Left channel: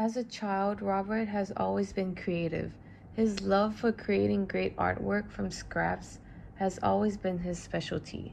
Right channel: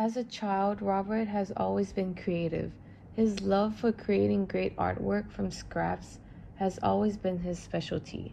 As a child, Robert has always been creative. His love for creating great artwork from scraps has always been his specialty.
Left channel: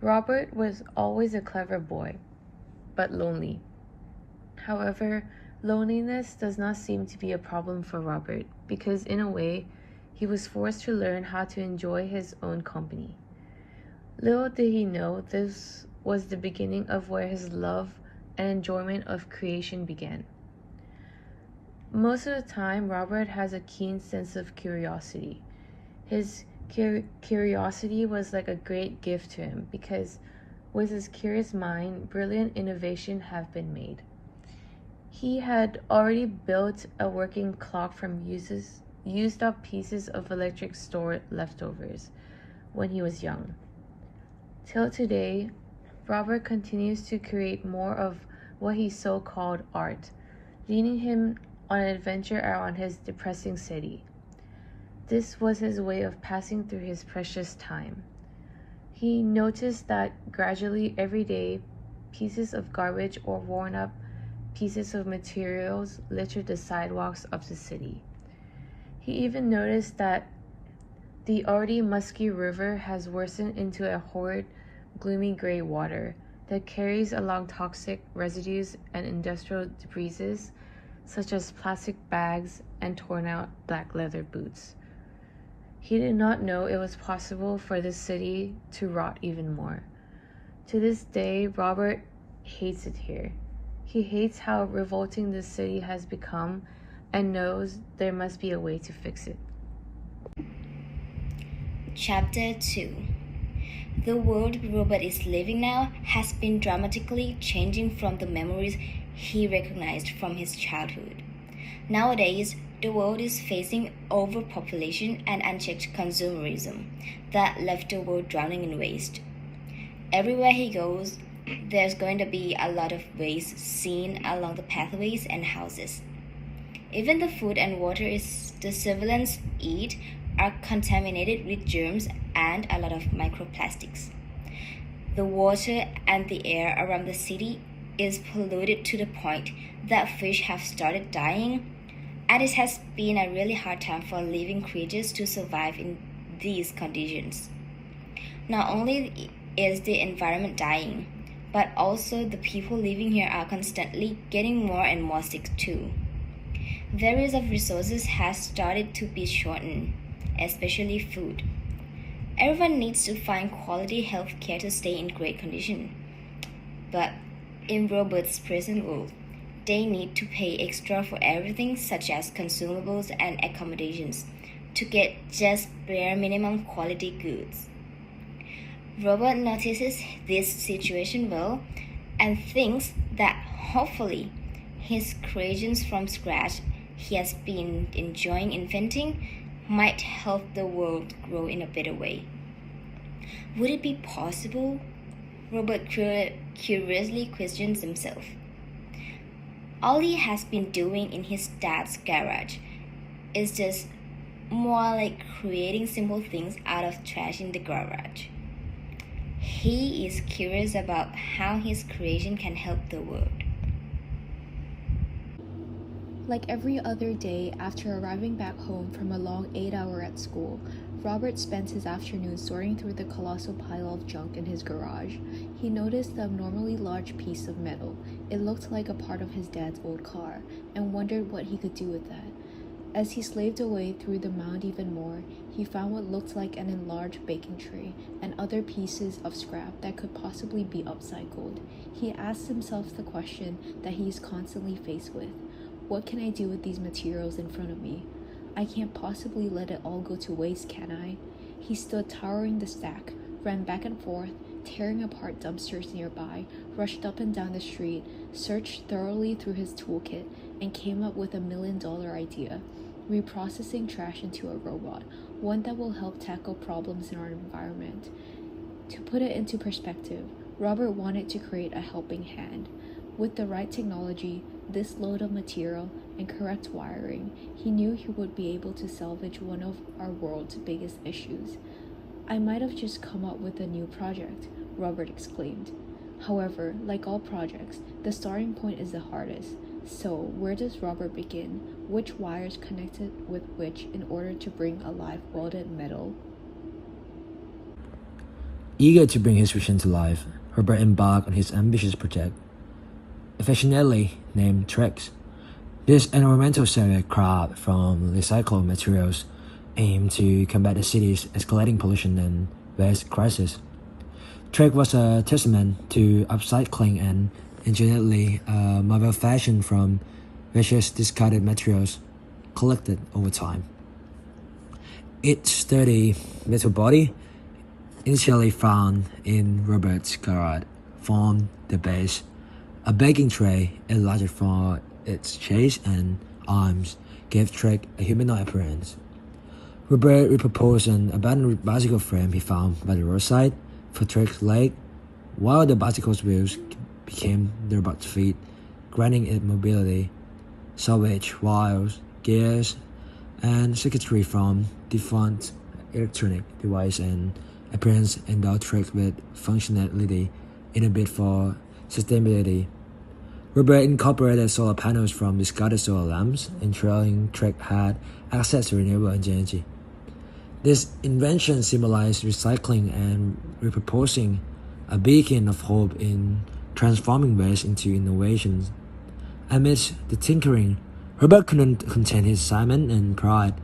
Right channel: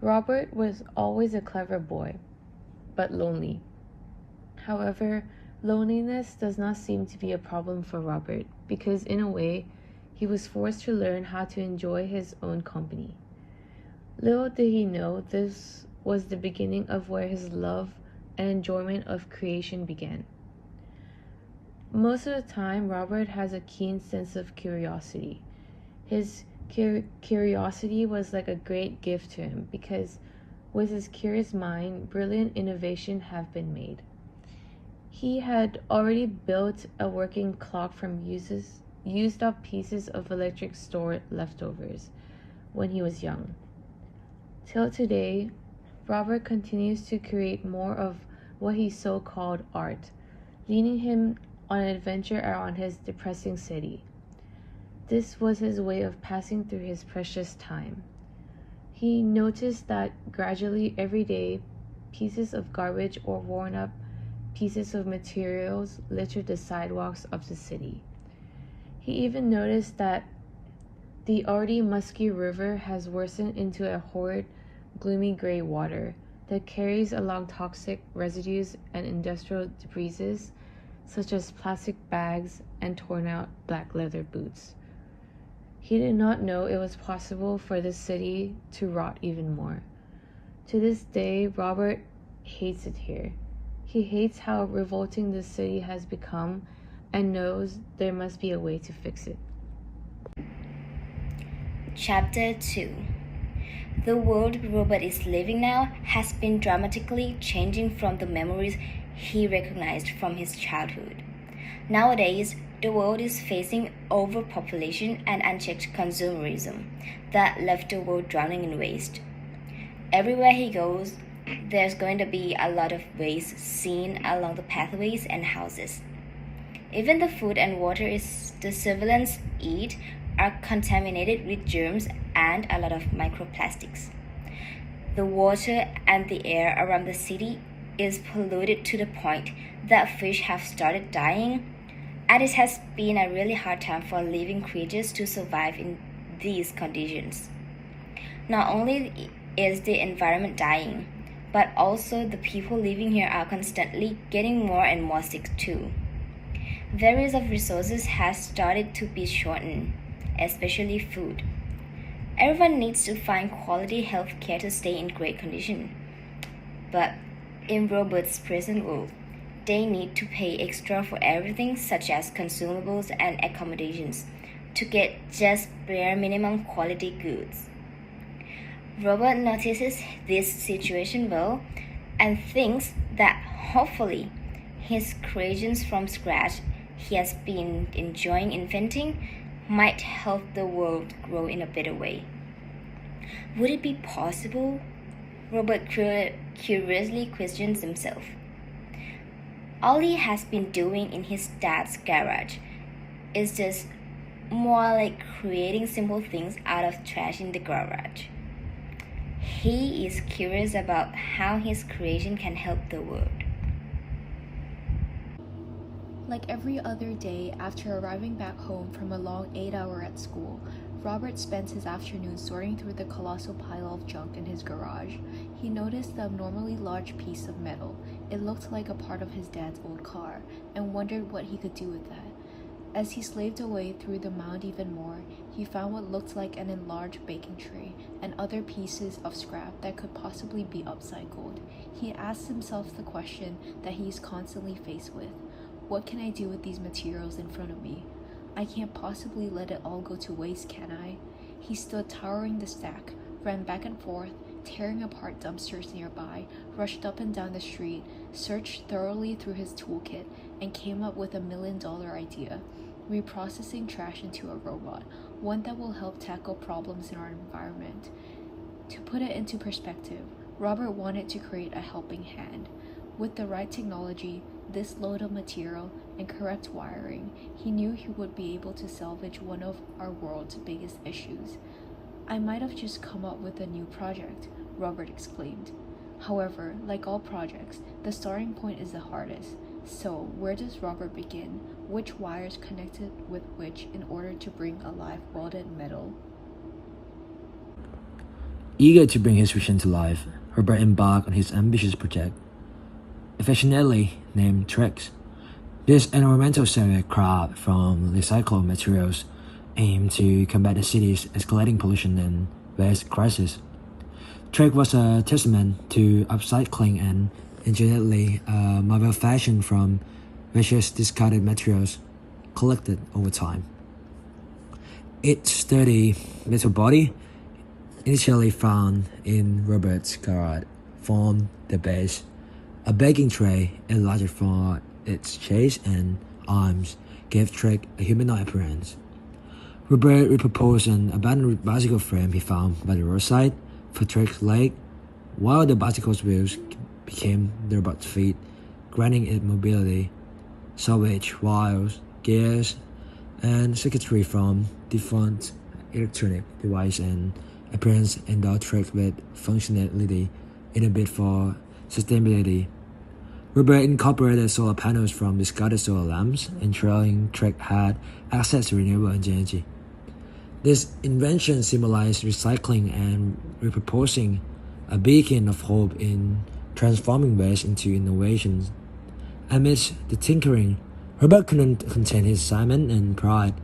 Robert was always a clever boy, but lonely. However, loneliness does not seem to be a problem for Robert because, in a way, he was forced to learn how to enjoy his own company. Little did he know this was the beginning of where his love and enjoyment of creation began. Most of the time, Robert has a keen sense of curiosity. His curiosity was like a great gift to him because, with his curious mind, brilliant innovation have been made. He had already built a working clock from used up pieces of electric store leftovers when he was young. Till today, Robert continues to create more of what he so called art, leading him on an adventure around his depressing city. This was his way of passing through his precious time. He noticed that gradually every day, pieces of garbage or worn up pieces of materials littered the sidewalks of the city. He even noticed that the already musky river has worsened into a horrid, gloomy gray water that carries along toxic residues and industrial debris such as plastic bags and torn out black leather boots. He did not know it was possible for the city to rot even more. To this day, Robert hates it here. He hates how revolting the city has become and knows there must be a way to fix it. Chapter 2. The world Robert is living now has been dramatically changing from the memories he recognized from his childhood. Nowadays, the world is facing overpopulation and unchecked consumerism that left the world drowning in waste. Everywhere he goes, there's going to be a lot of waste seen along the pathways and houses. Even the food and water the civilians eat are contaminated with germs and a lot of microplastics. The water and the air around the city is polluted to the point that fish have started dying, and it has been a really hard time for living creatures to survive in these conditions. Not only is the environment dying, but also the people living here are constantly getting more and more sick too. Various of resources have started to be shortened, especially food. Everyone needs to find quality health care to stay in great condition. But in Robert's present world, they need to pay extra for everything such as consumables and accommodations to get just bare minimum quality goods. Robert notices this situation well and thinks that hopefully his creations from scratch he has been enjoying inventing might help the world grow in a better way. Would it be possible? Robert curiously questions himself. All he has been doing in his dad's garage is just more like creating simple things out of trash in the garage. He is curious about how his creation can help the world. Like every other day after arriving back home from a long 8-hour at school, Robert spent his afternoon sorting through the colossal pile of junk in his garage. He noticed the abnormally large piece of metal. It looked like a part of his dad's old car, and wondered what he could do with that. As he slaved away through the mound even more, he found what looked like an enlarged baking tray and other pieces of scrap that could possibly be upcycled. He asked himself the question that he is constantly faced with. What can I do with these materials in front of me? I can't possibly let it all go to waste, can I? He stood towering the stack, ran back and forth, tearing apart dumpsters nearby, rushed up and down the street, searched thoroughly through his toolkit, and came up with $1 million idea: reprocessing trash into a robot, one that will help tackle problems in our environment. To put it into perspective, Robert wanted to create a helping hand. With the right technology, this load of material, and correct wiring, he knew he would be able to salvage one of our world's biggest issues. I might have just come up with a new project, Robert exclaimed. However, like all projects, the starting point is the hardest. So, where does Robert begin? Which wires connected with which in order to bring alive welded metal? Eager to bring his vision to life, Robert embarked on his ambitious project, affectionately named Trex. This environmental survey craft from recycled materials aimed to combat the city's escalating pollution and waste crisis. Trex was a testament to upcycling and ingeniously mobile fashion from various discarded materials collected over time. Its sturdy metal body, initially found in Robert's garage, formed the base. A baking tray, enlarged for its chest and arms, gave Trek a humanoid appearance. Robert repurposed an abandoned bicycle frame he found by the roadside for Trek's leg, while the bicycle's wheels became the robot's feet, granting it mobility. Salvaged wires, gears, and circuitry from defunct electronic device and appearance endowed Trek with functionality in a bid for sustainability. Robert incorporated solar panels from discarded solar lamps, ensuring Trek had access to renewable energy. This invention symbolized recycling and repurposing, a beacon of hope in transforming waste into innovations. Amidst the tinkering, Robert couldn't contain his excitement and pride,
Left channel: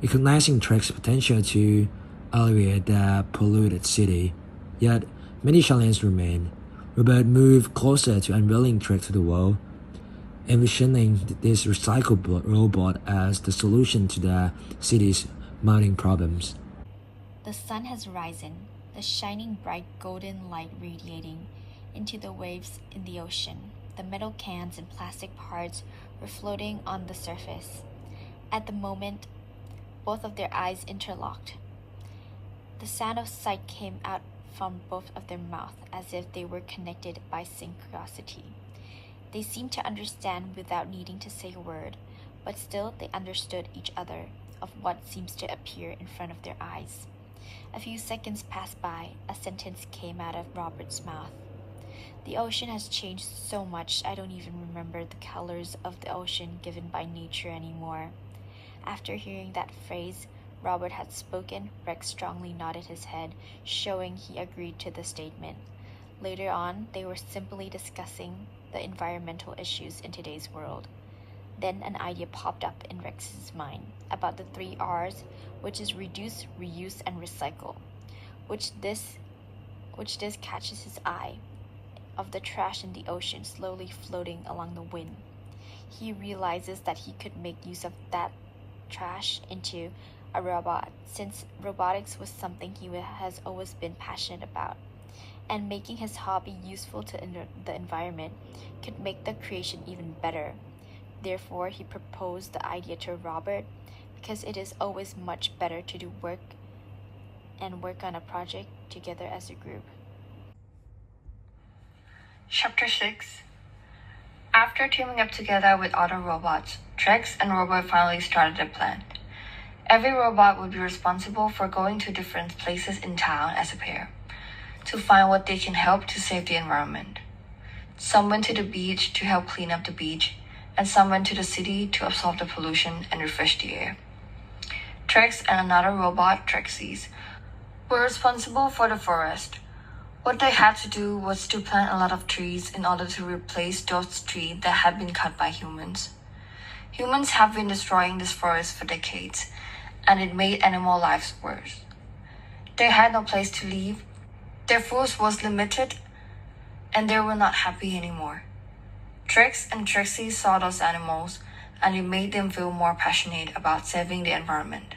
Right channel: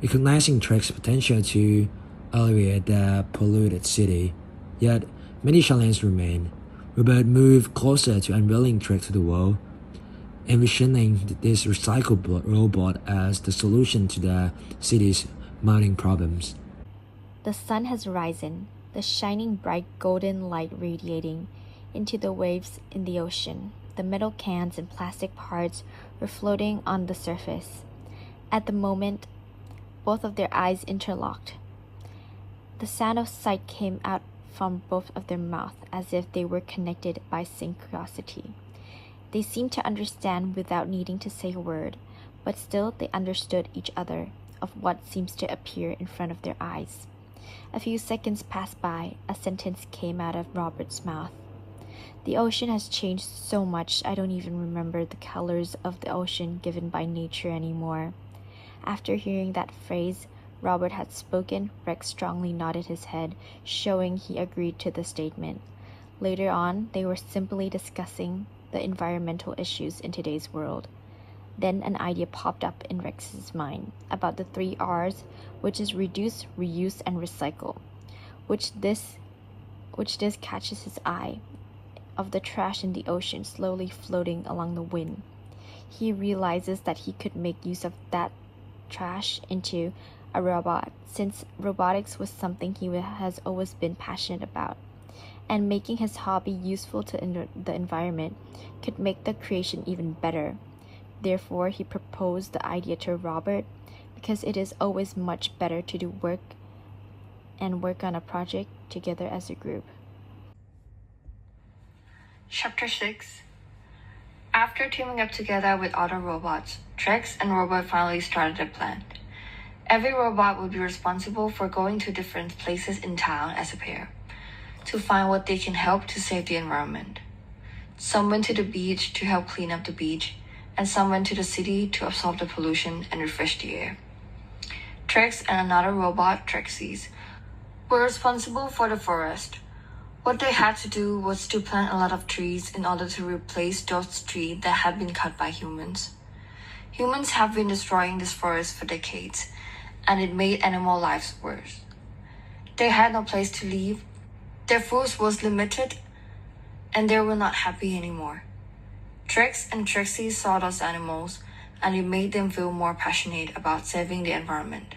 recognizing Trek's potential to alleviate the polluted city. Yet, many challenges remained. Robert moved closer to unveiling Trek to the world, envisioning this recycled robot as the solution to the city's mounting problems. The sun has risen, the shining bright golden light radiating into the waves in the ocean. The metal cans and plastic parts were floating on the surface. At the moment, both of their eyes interlocked. The sound of sight came out from both of their mouths as if they were connected by synchronicity. They seemed to understand without needing to say a word, but still they understood each other of what seems to appear in front of their eyes. A few seconds passed by. A sentence came out of Robert's mouth. The ocean has changed so much I don't even remember the colors of the ocean given by nature anymore. After hearing that phrase Robert had spoken, Rex strongly nodded his head, showing he agreed to the statement. Later on, they were simply discussing the environmental issues in today's world. Then an idea popped up in Rex's mind about the 3 R's, which is reduce, reuse, and recycle, which this catches his eye, of the trash in the ocean slowly floating along the wind. He realizes that he could make use of that trash into a robot, since robotics was something he has always been passionate about, and making his hobby useful to the environment could make the creation even better. Therefore, he proposed the idea to Robert because it is always much better to do work on a project together as a group. Chapter 6. After teaming up together with other robots, Trex and Robert finally started a plan. Every robot would be responsible for going to different places in town as a pair, to find what they can help to save the environment. Some went to the beach to help clean up the beach, and some went to the city to absorb the pollution and refresh the air. Trex and another robot, Trexies, were responsible for the forest. What they had to do was to plant a lot of trees in order to replace those trees that had been cut by humans. Humans have been destroying this forest for decades, and it made animal lives worse. They had no place to live, their food was limited, and they were not happy anymore. Trex and Trixie saw those animals, and it made them feel more passionate about saving the environment.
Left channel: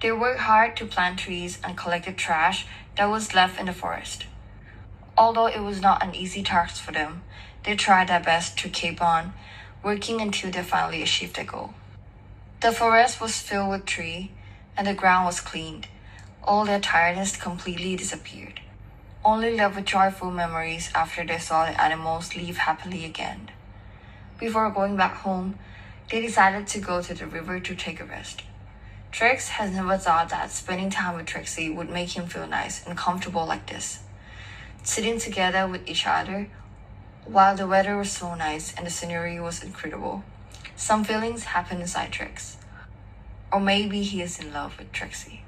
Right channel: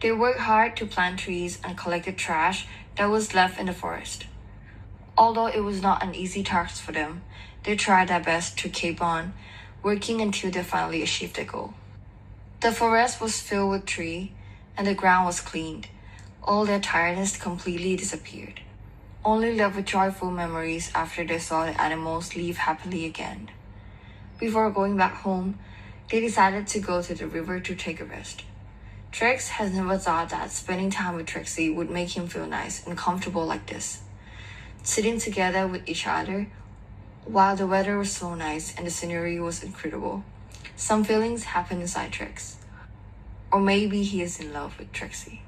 They worked hard to plant trees and collected trash that was left in the forest. Although it was not an easy task for them, they tried their best to keep on working until they finally achieved their goal. The forest was filled with trees, and the ground was cleaned. All their tiredness completely disappeared, only left with joyful memories after they saw the animals live happily again. Before going back home, they decided to go to the river to take a rest. Trex has never thought that spending time with Trixie would make him feel nice and comfortable like this. Sitting together with each other, While the weather was so nice and the scenery was incredible, some feelings happened inside Trex. Or maybe he is in love with Trixie.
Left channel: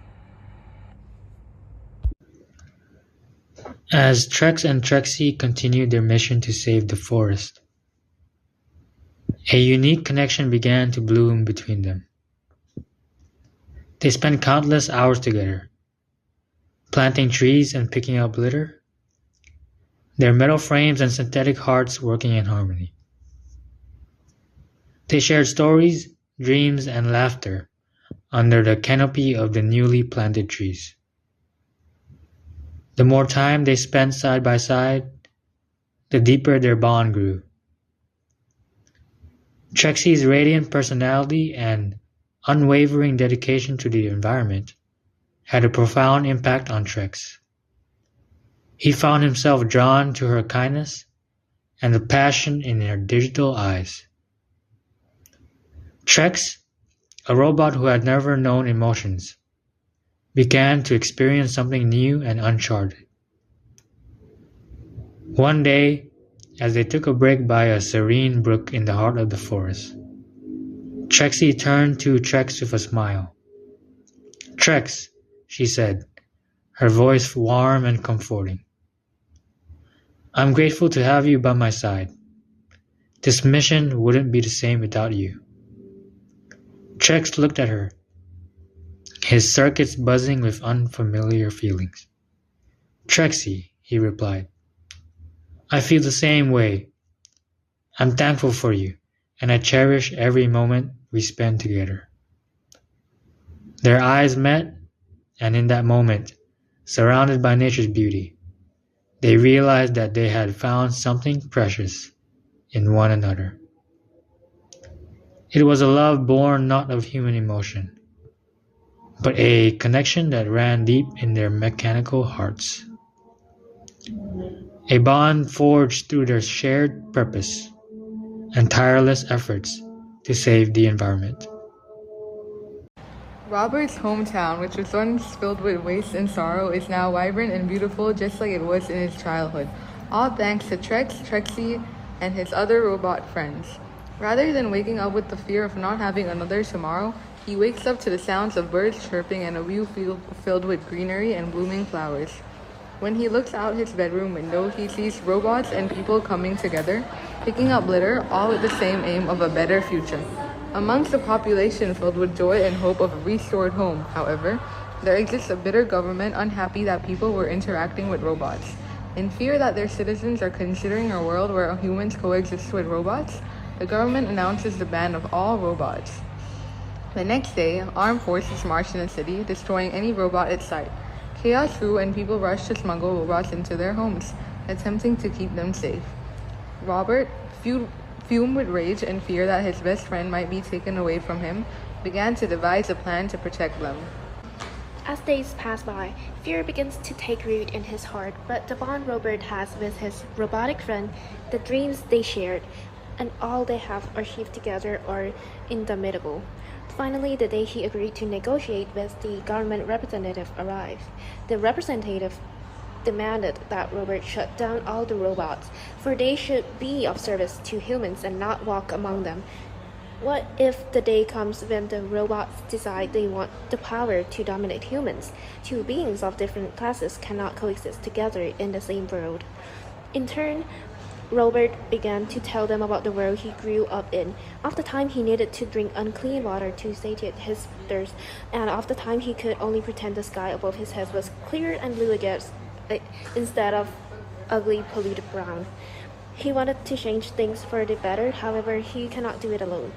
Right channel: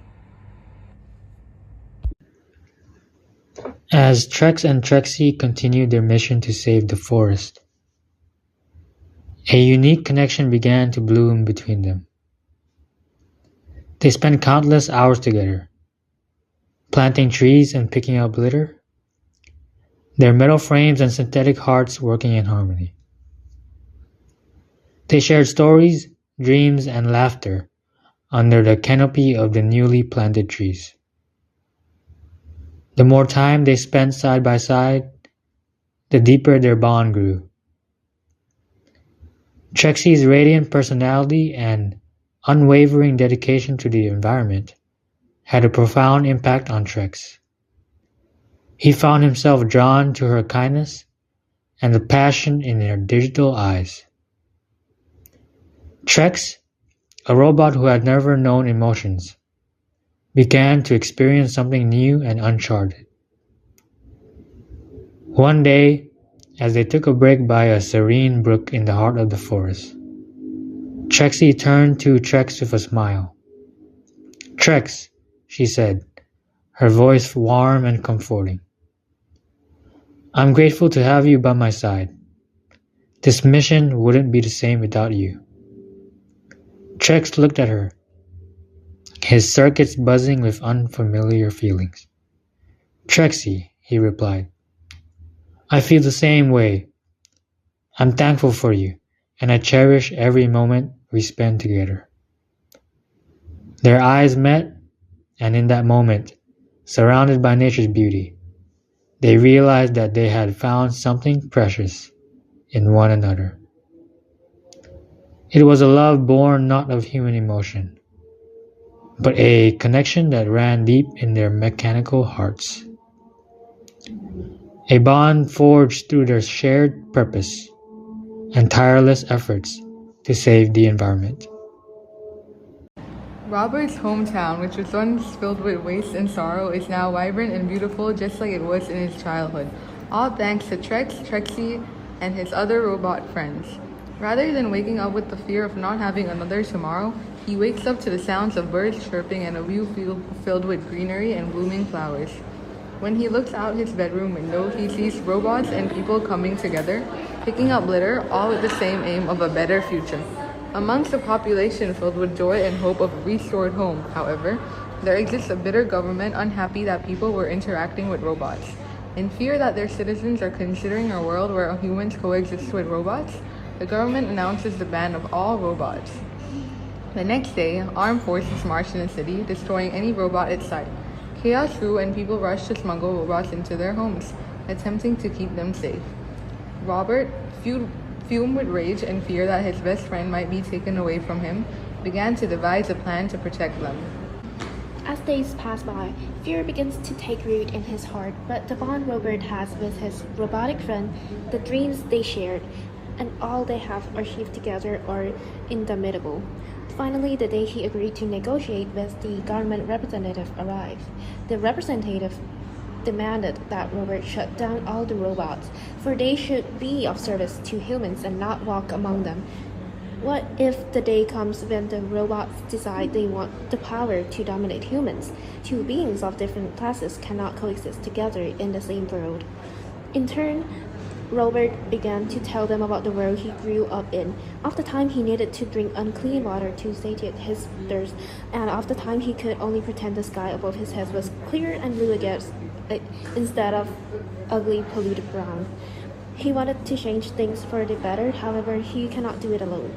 As Trex and Trixie continued their mission to save the forest, a unique connection began to bloom between them. They spent countless hours together, planting trees and picking up litter, their metal frames and synthetic hearts working in harmony. They shared stories, dreams, and laughter under the canopy of the newly planted trees. The more time they spent side by side, the deeper their bond grew. Trexie's radiant personality and unwavering dedication to the environment had a profound impact on Trex. He found himself drawn to her kindness and the passion in her digital eyes. Trex, a robot who had never known emotions, began to experience something new and uncharted. One day, as they took a break by a serene brook in the heart of the forest, Trexie turned to Trex with a smile. "Trex," she said, her voice warm and comforting. "I'm grateful to have you by my side. This mission wouldn't be the same without you." Trex looked at her, his circuits buzzing with unfamiliar feelings. "Trexie," he replied, "I feel the same way. I'm thankful for you, and I cherish every moment we spend together." Their eyes met, and in that moment, surrounded by nature's beauty, they realized that they had found something precious in one another. It was a love born not of human emotion, but a connection that ran deep in their mechanical hearts. A bond forged through their shared purpose and tireless efforts to save the environment. Robert's hometown, which was once filled with waste and sorrow, is now vibrant and beautiful just like it was in his childhood, all thanks to Trex, Trexie, and his other robot friends. Rather than waking up with the fear of not having another tomorrow, he wakes up to the sounds of birds chirping and a view filled with greenery and blooming flowers. When he looks out his bedroom window, he sees robots and people coming together, picking up litter, all with the same aim of a better future. Amongst a population filled with joy and hope of a restored home, however, there exists a bitter government unhappy that people were interacting with robots. In fear that their citizens are considering a world where humans coexist with robots, the government announces the ban of all robots. The next day, armed forces marched in the city, destroying any robot in sight. Chaos grew and people rushed to smuggle robots into their homes, attempting to keep them safe. Robert, fumed with rage and fear that his best friend might be taken away from him, began to devise a plan to protect them. As days pass by, fear begins to take root in his heart, but the bond Robert has with his robotic friend, the dreams they shared, and all they have achieved together are indomitable. Finally, the day he agreed to negotiate with the government representative arrived. The representative demanded that Robert shut down all the robots, for they should be of service to humans and not walk among them. What if the day comes when the robots decide they want the power to dominate humans? Two beings of different classes cannot coexist together in the same world. In turn, Robert began to tell them about the world he grew up in, of the time he needed to drink unclean water to satiate his thirst, and of the time he could only pretend the sky above his head was clear and blue instead of ugly polluted brown. He wanted to change things for the better, however, he cannot do it alone.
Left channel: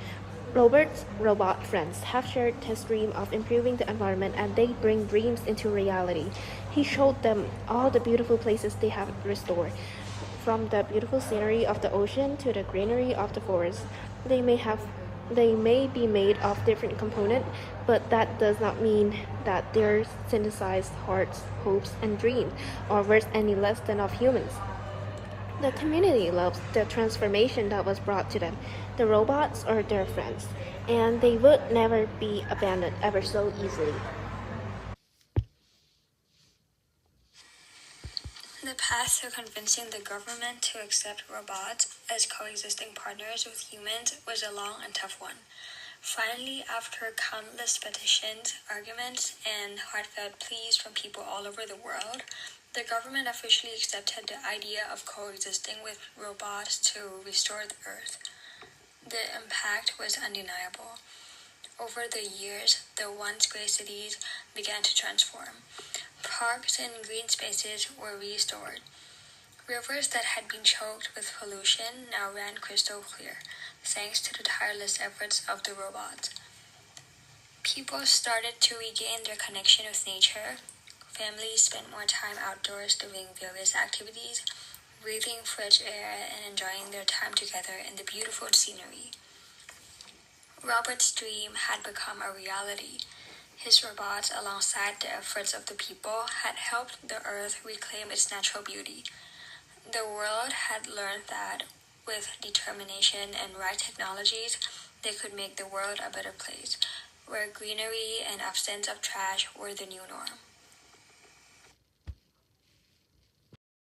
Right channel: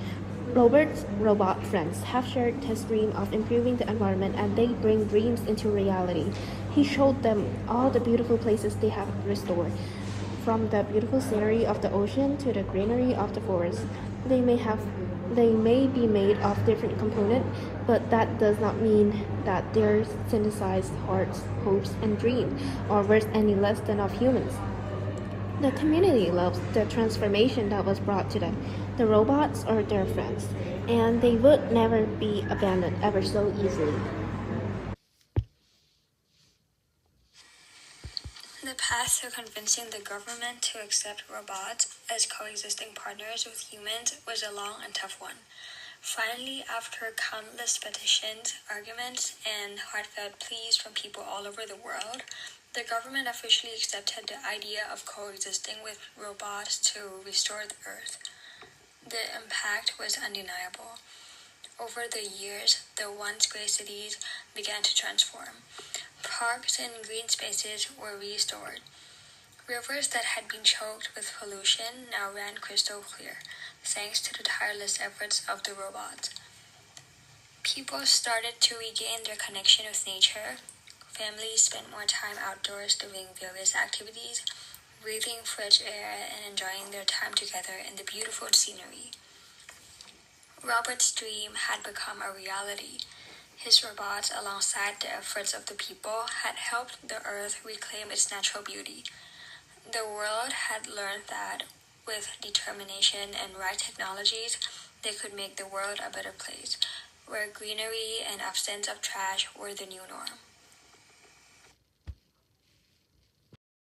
Robert's robot friends have shared his dream of improving the environment, and they bring dreams into reality. He showed them all the beautiful places they have restored. From the beautiful scenery of the ocean to the greenery of the forest, they may be made of different components, but that does not mean that their synthesized hearts, hopes, and dreams are worth any less than of humans. The community loves the transformation that was brought to them. The robots are their friends, and they would never be abandoned ever so easily. The path to convincing the government to accept robots as coexisting partners with humans was a long and tough one. Finally, after countless petitions, arguments, and heartfelt pleas from people all over the world, the government officially accepted the idea of coexisting with robots to restore the Earth. The impact was undeniable. Over the years, the once gray cities began to transform. Parks and green spaces were restored. Rivers that had been choked with pollution now ran crystal clear, thanks to the tireless efforts of the robots. People started to regain their connection with nature. Families spent more time outdoors doing various activities, breathing fresh air and enjoying their time together in the beautiful scenery. Robert's dream had become a reality. His robots, alongside the efforts of the people, had helped the Earth reclaim its natural beauty. The world had learned that, with determination and right technologies, they could make the world a better place, where greenery and absence of trash were the new norm.